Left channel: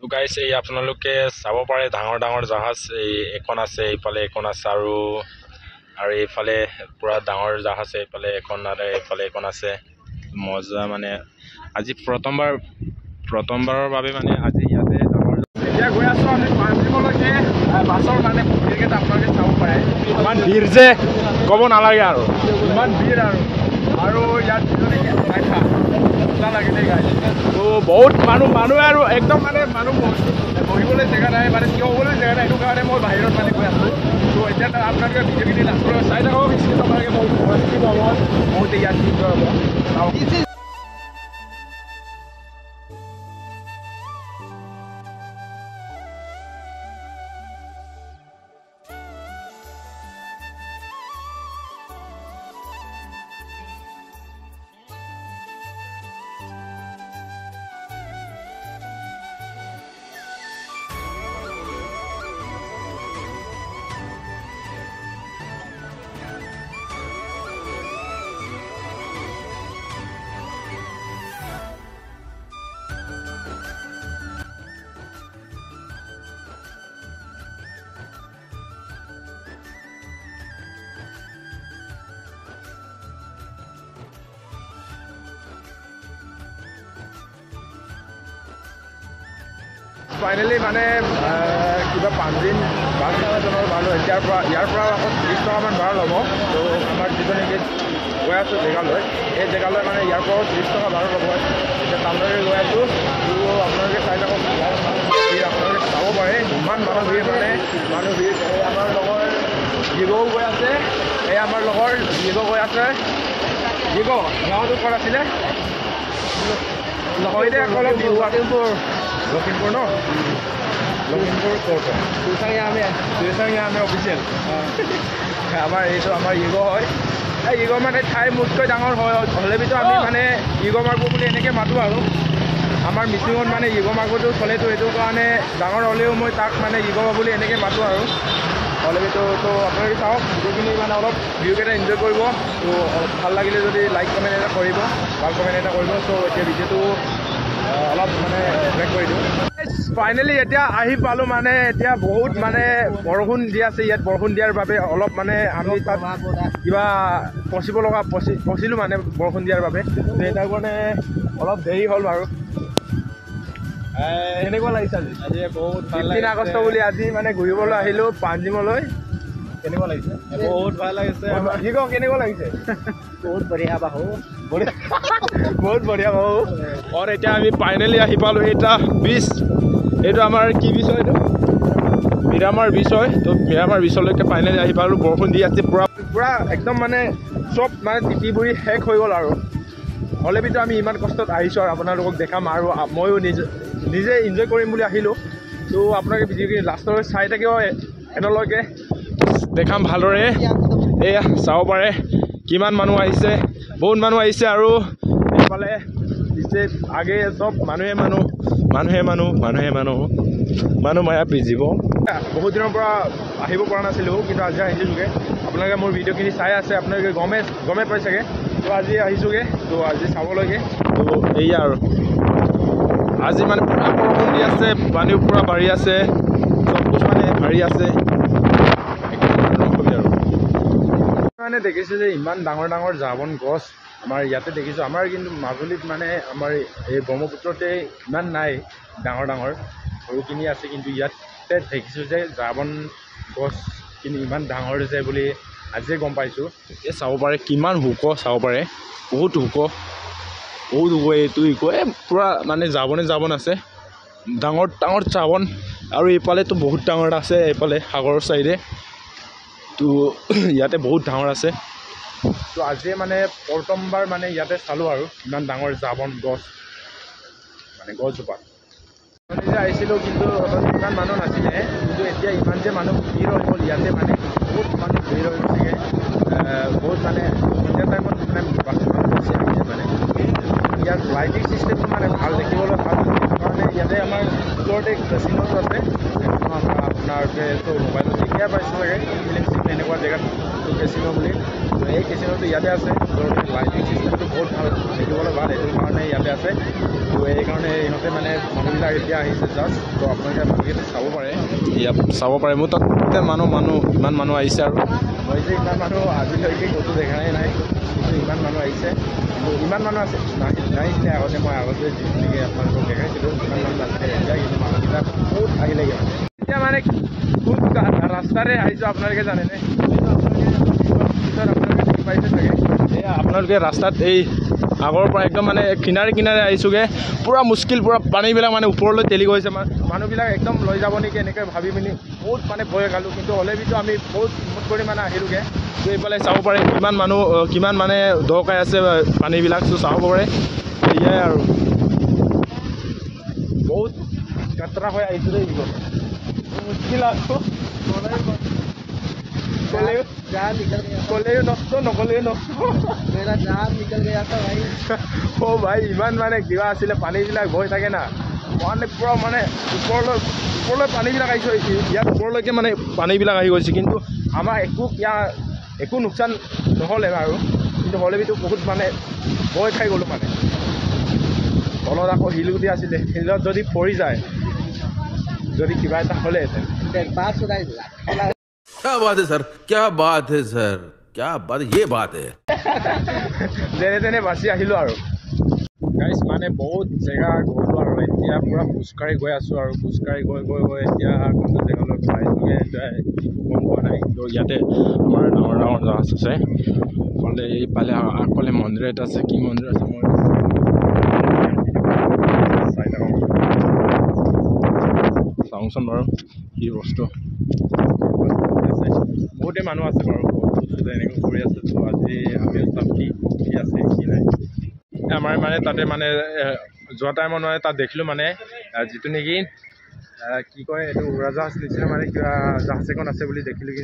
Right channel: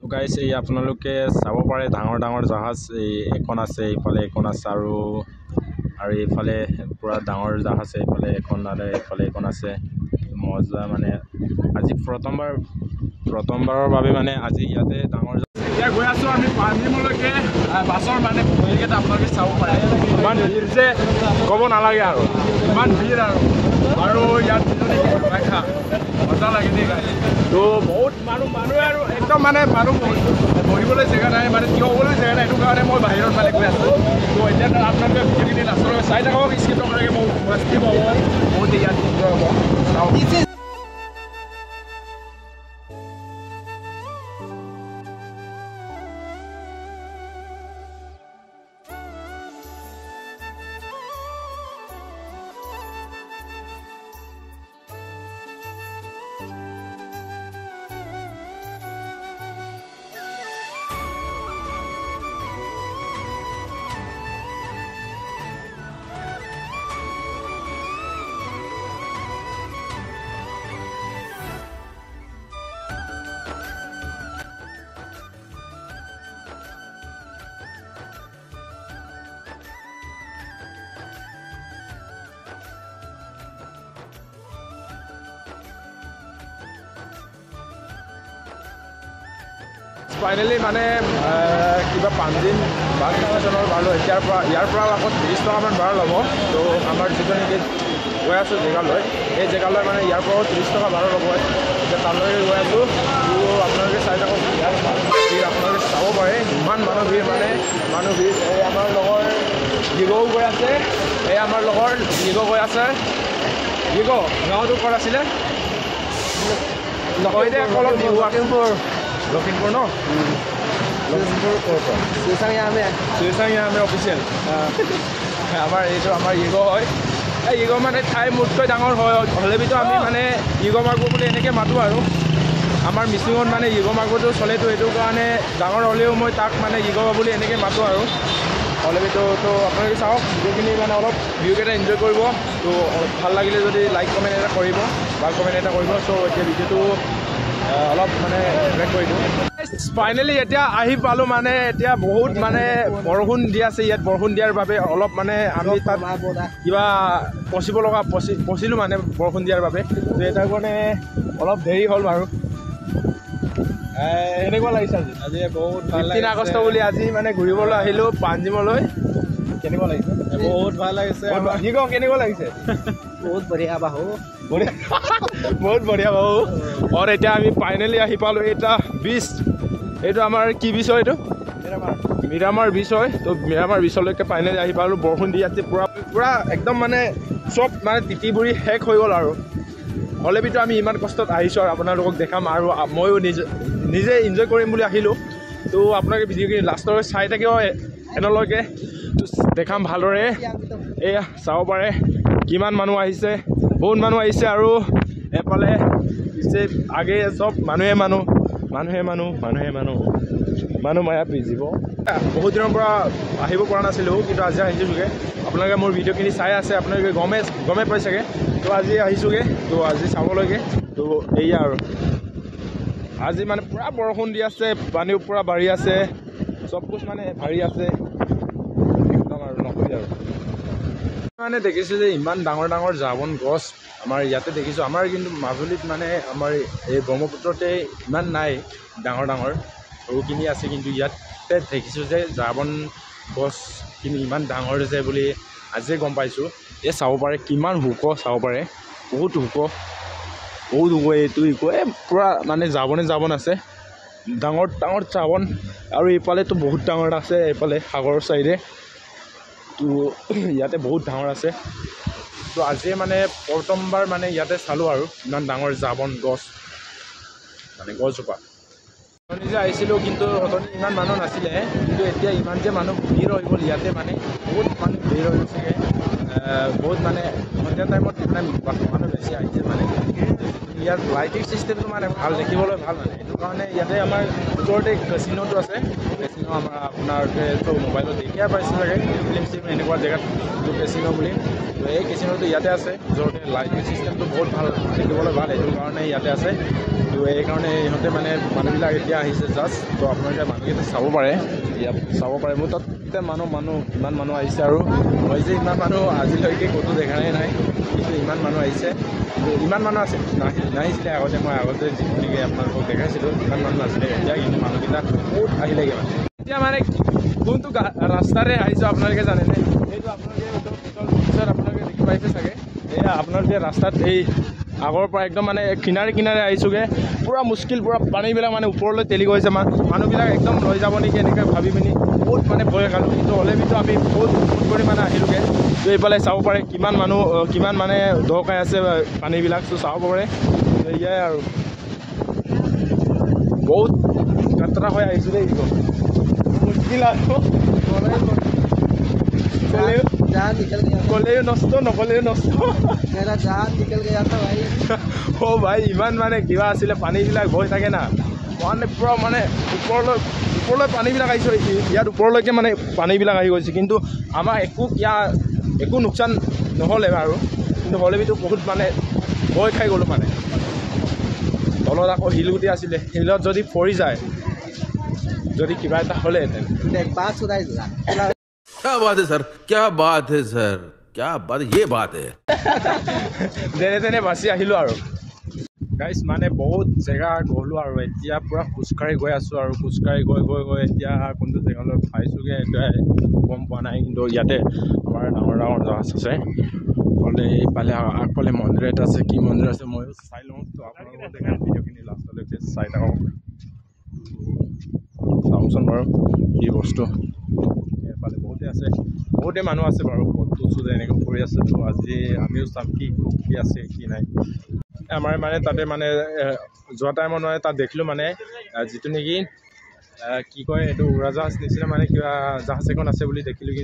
তো গাইছ এই আপোনালোকে চাব পাৰে ডাঙৰ ডাঙৰ জাহাজ এই এখন আছে, এইফালে এখন আছে আৰু এইফালে পুৰা ডাঙৰ জাহাজ আছে, এইফালে এখন আৰু এইফালে এখন আছে। মজা মানে আজি প্ৰথমবাৰৰ বাবে মানে আজি ইয়াতে ডাঙৰ এতিয়া গৈ আছোঁ আমি পাঞ্জিমলৈকে। বাছৰ মানে ভিৰকেইটা আপোনালোকে চাব পাৰে, ইমান ভিৰ যে ক'ব নালাগে আৰু ইমান ভিৰ আৰু ইয়াত দেখা মজা লাগে দেই গাড়ী। তো বহুত মানুহে আৰু একদম মানে মানুহ বহিবলৈ জেগা নাই, মানে থিয় হ'বলৈ জেগা নাই, সেইটো কাৰণে মই বাহিৰত মানে গৈ আছোঁ। তো এতিয়া আপোনালোকে ভিডিঅ'খিনি লাষ্টলৈ চাই থাকক, স্কিপ নকৰাকৈ বহুত টেষ্টি পাব, বহুত ইয়াত এনজয় হ'ব। ফাইনেলি মানে কিবা পাঞ্জিম বাছ ষ্টেচনৰ ভাড়া ইয়াৰ পৰা আকৌ 30 টকামান ভাড়া ল'ব। তো আমাৰ যিটো নেকি গৈ আছোঁ জেগালৈ, এই জেগালৈ মানে ইয়াৰ পৰাও 30 টকা ভাড়া ল'ব। এতিয়া তালৈকে গৈ আছোঁ। তো আপোনালোকে চাই থাকক, ভিৰ আপোনালোকে চাব পাৰে, ইমান মানুহ ভিৰ মানে মানুহ ভিৰ। এই আমাৰ লগৰ দিগও গৈ আছে, এই আমাৰ লগৰ দিগ গৈ আছে। দিগ গাঁৱটো ক'ত আছিলে নহয় দে আকৌ অলপ বিহু লখিমপুৰ ন? লখিমপুৰ ক'ৰ পৰা? শ্ৰীচাংয়া আমি অফিচিয়েল আমাৰ এইটো আমাৰ ইগ' হয়। এই ইগ' মানে ঠাই মোতকৈ ডাঙৰ হয়, হ'লেবিতো আমি মানে ইগ' মাৰ্গ বুলি এনেকৈ মাতোঁ আৰু আমাৰ মিচিঙত মানে ইগ' মাৰ্গটো চলেতো, সেইটো কাৰণে ডাঙৰ হ'লেও মই তাক মানে ইগ' বুলি এনেকৈ মাতোঁ আৰু হ'লেবিতো। তো আপোনালোকে চাওক ভিডিঅ'খিনি, মানে অলপ ভিডিঅ'কেইটা এনজয় কৰিব। তো ভাল লাগিলে যদি লাইক কমেণ্ট এটা কৰিব, ভাল কমেণ্ট এটা কৰিব। চ' এতিয়া ভিডিঅ'টো অলপ মানে ব্ৰেক কৰি দিওঁ। ফাইনেলি এতিয়া আহি পালোঁ, মানে এতিয়া বহুত মানে বৰষুণ দি আছে ইয়াত। বৰষুণ দিয়াৰ বাবে অলপ মানে আমি তাত কিবা ফচিলোঁ মানে বৰষুণ দিয়াৰ বাবে। তো তাৰ কাৰণে অলপ দেৰি হ'ল বাৰু। কেনেকুৱা লাগিছে আজি বহুত 15 আগষ্ট বুলি আজি মানে ঘূৰিবলৈ আহিলোঁ পাঞ্জিমলৈ। কেনেকুৱা লাগিছে? বহুত ভাল লাগিছে। কি কওঁ, কেনেকুৱা লাগিছে? বহুত বঢ়িয়া বাহু, বহুত বঢ়িয়া বাহু। আৰু এতিয়া আমি ফাইনেলি আহি পালোঁ এটা বিচ। এইটো আমাৰ কি বিচ হয়? এইটো মিৰামাৰ বিচ হয়। তো মিৰামাৰ বিচলৈকে ফাইনেলি আহি পালোঁ। বৰষুণ দি আছে পুৰা একদম মানে চব মানে তিতি বুৰি শেষ হৈ গ'ল আৰু হ'লেবিতো আমি ইমান কষ্টত আহিছোঁ আৰু আপোনালোকক দেখাম, আৰু ময়ো নিজে এনজয় কৰিম বুলি আহিলোঁ। তো আপোনালোকে ভিডিঅ'খিনি লাষ্টলৈ চাই থাকিব, এনেলৈকে দেখাম ভালদৰে। এয়া চাব পাৰে কিমান মানুহ আহিছে, বহুত মানুহ আহিছে। আৰু এইফালে পিছে আগে চব মানুহে মায়া পিজিব। বহুত দিনৰ পৰা আহিব পৰা নাছিলোঁ, কিন্তু আজি আহিছোঁগৈ। আপোনালোকে মোৰ ভিডিঅ'খিনি চাই আছে, আপোনালোকে গমে পাই চাগে। তো আজি আহিছোঁগৈ, তো আজি চাবলৈকে। তো এয়া আৰু আজি মানে পুৰা বৰষুণ দি আছে, পানীও পুৰা বাঢ়ি আছে, চব কিছু মানে বাঢ়ি আছে আৰু মানে দেখিছোঁ যে ইমান ডাঙৰ ডাঙৰ জাবন গছ আমাৰ ইয়াতে দেখিছোঁ। আমাৰ কিন্তু মাজুলীত মানে আমাৰ এই ব্ৰহ্মপুত্ৰতে ইমান নাই, ডাঙৰ সৰুখিনি আছে। কিন্তু ইয়াতে দেখিছোঁ যে জাবন গছখিনি ইমান ডাঙৰ যে বুলি আজিয়ে গম পাইছোঁ। এই চাব পাৰে কিমান ওখ, চাব পাৰে বহুত ওখ এইটো পূৰা মানে জাবন আছে, ডাঙৰ জাবন। আৰু এইফালেতো বহুত ডাঙৰ আছে, এইফালে সাগৰৰ ছাইডে। তো ইয়াতে বহুত ডাঙৰ আছে। তো আজিয়ে মানে প্ৰথমবাৰ মানে ইয়াতে চালোঁ আৰু ইমান ডাঙৰ জাবন গছ, মানে গছজোপা। নিজে আহিছিলোঁ, কিন্তু ইমান মানুহ নাছিলে, কিন্তু এতিয়া ইমান যে মানুহ ভিৰ হৈ গ'ল ইয়াতে, মানে বহুত মানুহ ভিৰ হৈ গৈছেগৈ। বহুত মানে সন্ধিয়া টাইমত মানে মানুহ বেছি আহিছে। মানে ইয়াৰ লাইটিং চিষ্টেমটো মানে ভাল, দেখিবলৈ ভাল কাৰণে ইয়াতে আমাৰ ওচৰতে কেচিনোটো আছে কেচিনো আমাৰ আপোনাৰতো মোবাইলত দেখিয়ে পাইছে চাগে ফিল্ম এনেকুৱা জেগাত কেচিনো বুলি তো এই কেচিনোটো ইয়াতে আছে ওচৰতে লাইটিং চিষ্টেমটো বহুত ভাল দেখিবলৈ ভাল এইটো কাৰণে ইয়াতে আছে তো এইকাৰণে ইহঁতে মানে মানুহবিলাক এতিয়া আহিছে জাষ্ট তো আপোনালোকে মানুহকেইটা চাব পাৰে ইয়াত চাব পাৰে মোৰ তাত ইমান মানুহ আহিছে আৰু মই যে ইমান মানুহ আজিলৈকে ক'তো দেখাই নাই কিন্তু ইমান মানুহ আহিছে কিন্তু ইমান মানুহ আছে নাহিছিলে আগতে মই আগতে যিখিনিকে আপোনালোকক দেখাইছিলোঁ ইমান মানুহ নাছিলে এতিয়া কিন্তু মানুহবিলাক বহুত আহিলেগৈ মানে এতিয়া মানে কোনটো ৰাস্তাৰে আহিছোঁ আপোনালোকে জানেনে এইটো আপোনালোকে দেখি পাইছে চাগে এয়া আপোনালোকে ৰাস্তাত এই আগৰ পৰা একদম মানে কিনাৰে আহিছোঁগৈ পূৰা মুস্কিল পূৰা পানীবিলাক মানে ওপৰলৈ তেলি গৈছে মানুহবিলাক একদম লৈ যাব নেকি এনেকৈ ভাবি পিনি বহুত মানে ভয় খালোঁ কিন্তু হ'লেবিতো আমি বহুত ফোন কৰি মানে আহিলোঁগৈ তো এইফালে চাব পাৰে কিমান মানে দৰকাৰ আছে পানীবিলাক তো চাব পাৰে এয়াই আৰু বহুত যাত্ৰা হৈ আহিছোঁ দেই মুস্কিল আৰু ক'লেও নষ্ট নক'লেও নষ্ট অ' ভাই ইমান মানে কিবা আছিলে পানীবিলাক বৈ থাকে না মানে পূৰা মানে ওপৰলৈ পানীবিলাক আহিছে ইয়াত ওপৰলৈকে মানে পানীবিলাক আহি গৈছে কিন্তু আমাৰ একো লোকচান নহ'লে আৰু কিন্তু হ'লেবিতো বহুত মানে ভয় খাই গ'লোঁ মানে তলত আকৌ শিলগুটি আছিলে শিলত যদি পৰি যায় যদি কিবা এটা হ'লেহেঁতেন क्या बात है सर क्या बात है सर क्या बात ये बात है যেনে তেনে বাচি আহিলোঁ আৰু গাইজ মানে বহুত জেগা গ'লোঁ আৰু এতিয়া পূৰা খোজকাঢ়ি গৈ আছোঁ আৰু খোজকাঢ়ি গৈ এতিয়া কোনটো জেগালৈ পাইছোঁগৈ এতিয়া গম পোৱা নাই কিন্তু ইয়াতে আমাৰ ডাঙৰ জাহাজ আছে ফলে এইফালে আগফালে মন্দিৰ এটা আছে কি মন্দিৰ আছে মই চাই থাকোঁ চাওঁচোন বাৰু কি বস্তু আছে বহুতে মানুহ আছে বাৰু ফটো এনেকৈ কৰি আছে তো আজি আমিও চাম কি আছে কি নাই আমাৰ মানে তাতে মানে যোৱা টাইমত মানে তাত দেখিলোঁ মানে যিটো নেকি কি কয় এইটো উৰাজাহাজ নিচিনা মানে কিবা জাহাজ এখন আছে বুলি দেখিলোঁ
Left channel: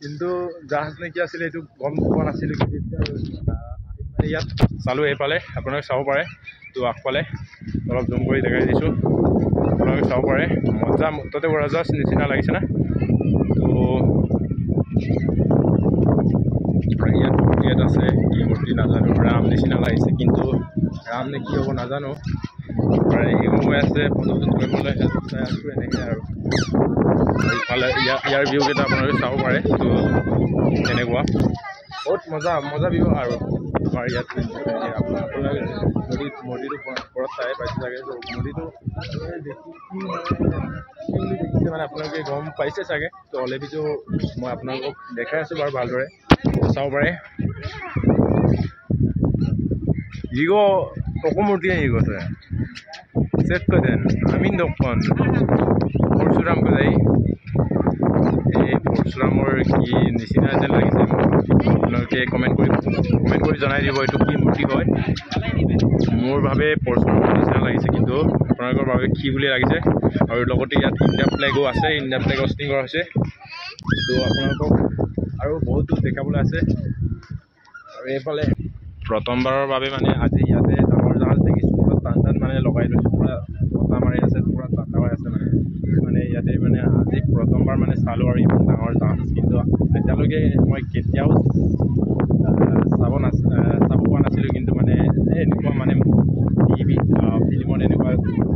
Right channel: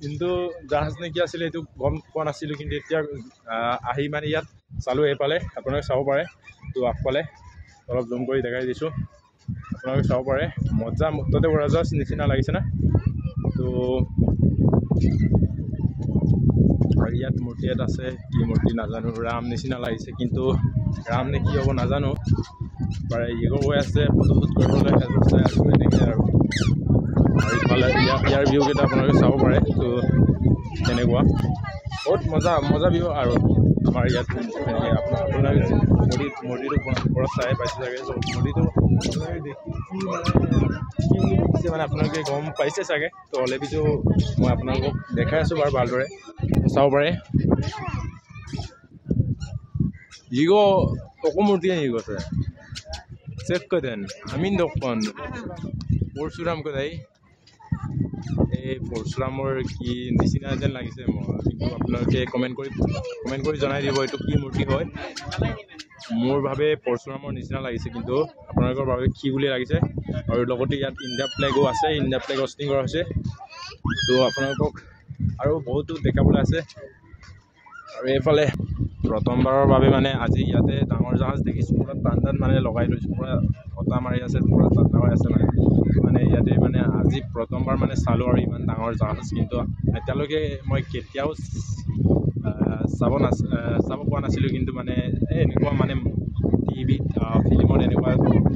কিন্তু জাহাজ নে কি আছিলে এইটো গম পোৱা নাছিলোঁ কিন্তু এতিয়া আহি মানে ইয়াত চালোঁ এইফালে আপোনালোকে চাব পাৰে তো আগফালে অলপ জুম কৰি দেখাই দিছোঁ আপোনালোকে চাব পাৰে মজা তাতে উৰাজাহাজ নিচিনা লাগিছে না তো ইয়াত মূৰ্তি এটা আছে কি মূৰ্তি নাজানো ৰাম নিচিনা লাগিছে কিন্তু ৰাম নে কি হ'ব নাজানো এগো হৈ আছে ফটোশ্বুট কৰিবলৈ চাই আছোঁ এনেকৈ আৰু ইফালে ইয়াৰ ভিউকেইটা আপোনালোকে চাব পাৰে তো তেনেকুৱা বহুত মজা ভিউ আৰু আমাৰ ইয়াত আপোনালোকে মূৰ্তিটো ওপৰত চাই পাইছে চাগে ত' মূৰ্তিটো আপোনালোকে দেখি কি বুলি দেখিছে মানে আপোনালোকে গম পাইছে চাগে তো হ'লেবিতো মই আপোনালোকক দেখাই আছোঁ বাৰু ভালদৰে চাব পাৰে ইগো অকমূৰ্তি ইগোতে চেক কৰেন আমিন দোকান পৰশুৰাম কোথায় এই পৰশুৰামৰ কি নিচিনা যেন লাগিছে আপোনালোকে কমেণ্ট কৰি জনাই দিব এইটো কি মূৰ্তি হয় মোৰ ভাবে পৰশুৰামৰ নিচিনা লাগিছে কিন্তু আপোনালোকৰ বাবে কি বুলি লাগিছে আৰু লগতে ইয়াত ইণ্ডিয়া ফ্লেগো আছে ইণ্ডিয়া ফ্লেগ হোষ্টিং কৰা হৈছে তো আপোনালোকক আৰু বহুতো দেখাবলৈ আছে আৰু এইফালে প্ৰথমবাৰৰ বাবে মানে আজি ইয়াতে ডাঙৰ জাহাজ দেখিছোঁ পুৰা টান মানে লগাই লৈছোঁ পুৰা বতাহ মাৰি আছে পুৰা ঠাণ্ডা হৈ আছে মানে ইয়াতে মানে আজি প্ৰথমবাৰ মানে চালোঁ আৰু ইমান ডাঙৰ জাহাজ কিন্তু এতিয়ালৈকে মই কেতিয়াও চাব পোৱা নাছিলোঁ কিন্তু মানে এনেকুৱা মানে টিভিত ফিল্মত এনেকুৱা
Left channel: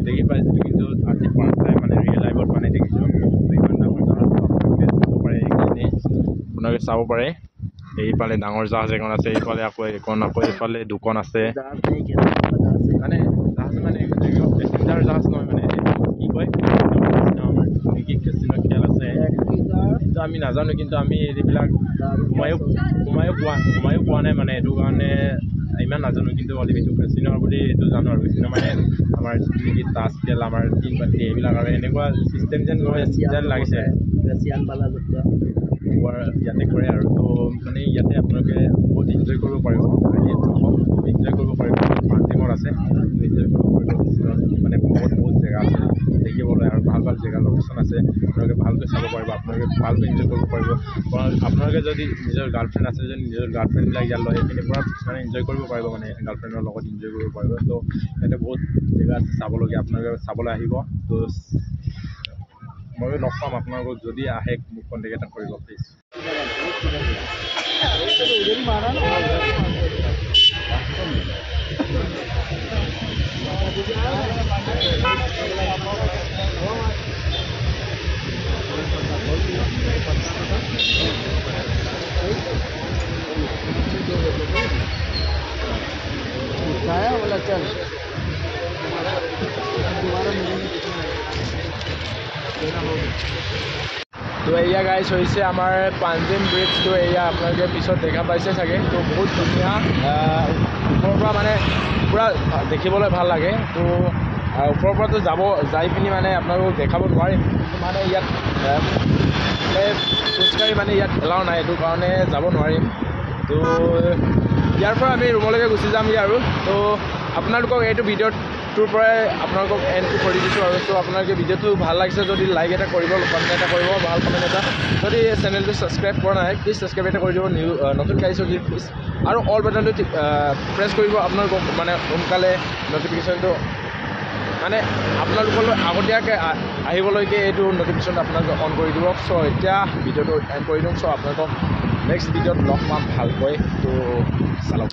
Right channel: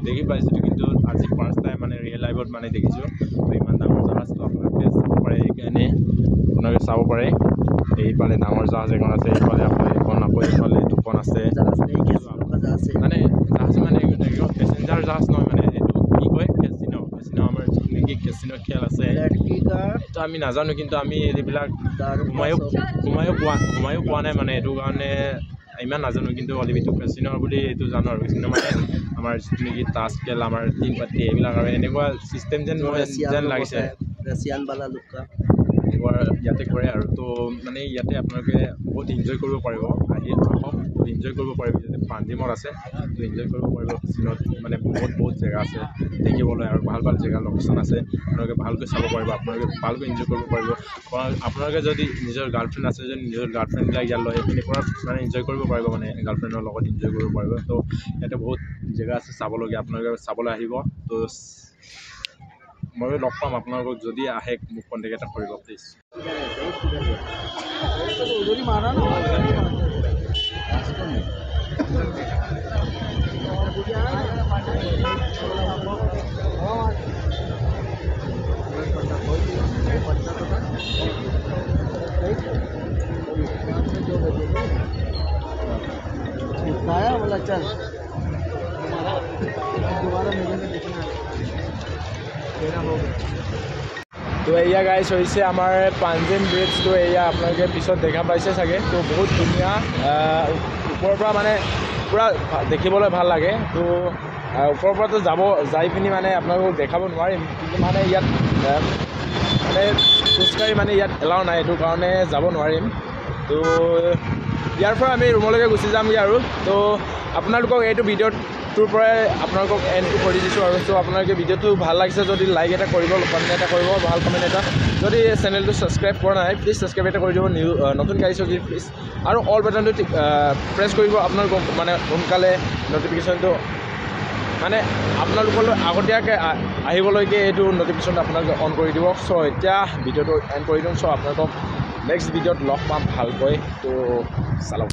দেখি পাইছিলোঁ কিন্তু আজি ফাৰ্ষ্ট টাইম মানে ৰিয়েল লাইফত মানে দেখিছোঁ ইমান ডাঙৰ জাহাজটো আপোনালোকে চাব পাৰে এনেই আপোনালোকে চাব পাৰে এইফালে ডাঙৰ জাহাজ এখন আছে এইফালে আকৌ এইফালে দুখন আছে মানে জাহাজ মানে পেচেঞ্জাৰ জাহাজ নহয় মানে কি কয় আমাৰ নেকি কেচিনো খেল আছে তো আমি নাজানো কিন্তু আমি এইবিলাক সোমায়ো পোৱা নাই মানে এইটো কাৰণে ইমান নাজানো কিন্তু অলিভিটো কেচিনো বুলি এইটো জানো আৰু কেচিনো মানে আমাৰ যিটো নেকি তাছ খেল আমাৰ টিম পাৰ্টি এইবিলাক আৰু এনেকুৱা চিষ্টেম যেন লাগিছে ইয়াতে কৰে আৰু তো মানে ইয়াতে আপোনালোকে বহুত এনজয় কৰিব পাৰিব আহি আহক এনজয় কৰিব পাৰিব পাঞ্জিমত আছে তো এনজয় কৰিব পাৰিব চিলত মানে বহুত জেগা আছে দেখিবলৈ আৰু ভাল জেগা লোকেশ্যন আছে আপোনালোকে ভালকৈ চাব পাৰিব আপোনালোকে ভালকৈ এনজয় কৰিব পাৰিব আপোনালোকে যদি নিজৰ গাৰ্লফ্ৰেণ্ড আছে যদি নিজৰ গাৰ্লফ্ৰেণ্ডবিলাক ইয়াত লৈ সেইখিনি পৰা মানে এনজয় কৰিব পাৰিব মানে গাৰ্লফ্ৰেণ্ডৰ লগত এনজয় কৰিব পাৰিব তো ইয়াতে বহুত জেগা আছে চাবলগীয়া আপোনালোকে চাবলৈ আহিব তো মই লগ পাম আপোনালোকক যদি আহে মোক কণ্টেক্ট এটা কৰিব প্লিজ बोला चल दोबारा मिलेंगे তো এয়া গাইজ হৈছে আমাৰ পাঞ্জিম ব্ৰিজ তো এয়া আপোনালোকে পিছত দেখা পাইছে চাগে তো বহুত ধুনীয়া ওপৰৰ পৰা মানে পূৰা দেখিবলৈ ভাল লাগে তো ওপৰৰ পৰাতো যাই পিনি মানে আপোনালোকক দেখাব নোৱাৰিম কিন্তু মানে ইয়াত মানে খোজকাঢ়ি মানে ইয়াত এলাও নাই এইটো কাৰণে যাব নোৱাৰিম তো ইয়াৰ পৰা আমি ৰুমলৈকে গুচি যামগৈ আৰু তো আপোনালোকক এইটো ভিডিঅ'টোৰ পৰাই আপোনালোকক এণ্ডটো কৰি দিছোঁ আৰু তো আপোনালোকে ভিডিঅ'টো ভাল লাগিছে যদি লাইক এটা কৰিব কমেণ্ট এটা কৰিব ভাল কমেণ্ট এটা যদি চেনেলটো ছাবস্ক্ৰাইব কৰা নাই প্লিজ ছাবস্ক্ৰাইব এটা কৰি দিব নতুনকৈ আহিছোঁ যদি প্লিজ আৰু অল বাটনটো প্ৰেছ কৰিব আপোনালোকক মানে সোনকালে ন'টিফিকেশ্যনটো মানে আপোনালোকলৈ আগতীয়াকৈ আহিবলৈকে এইটো ন'টিফিকেশ্যনটো আপোনালোকে অন কৰি দিব চ' এতিয়া ভিডিঅ'টো এণ্ড কৰি দিওঁ চ' আপোনালোকক নেক্সট ভিডিঅ'ত লগ পাম ভালকৈ তো চালক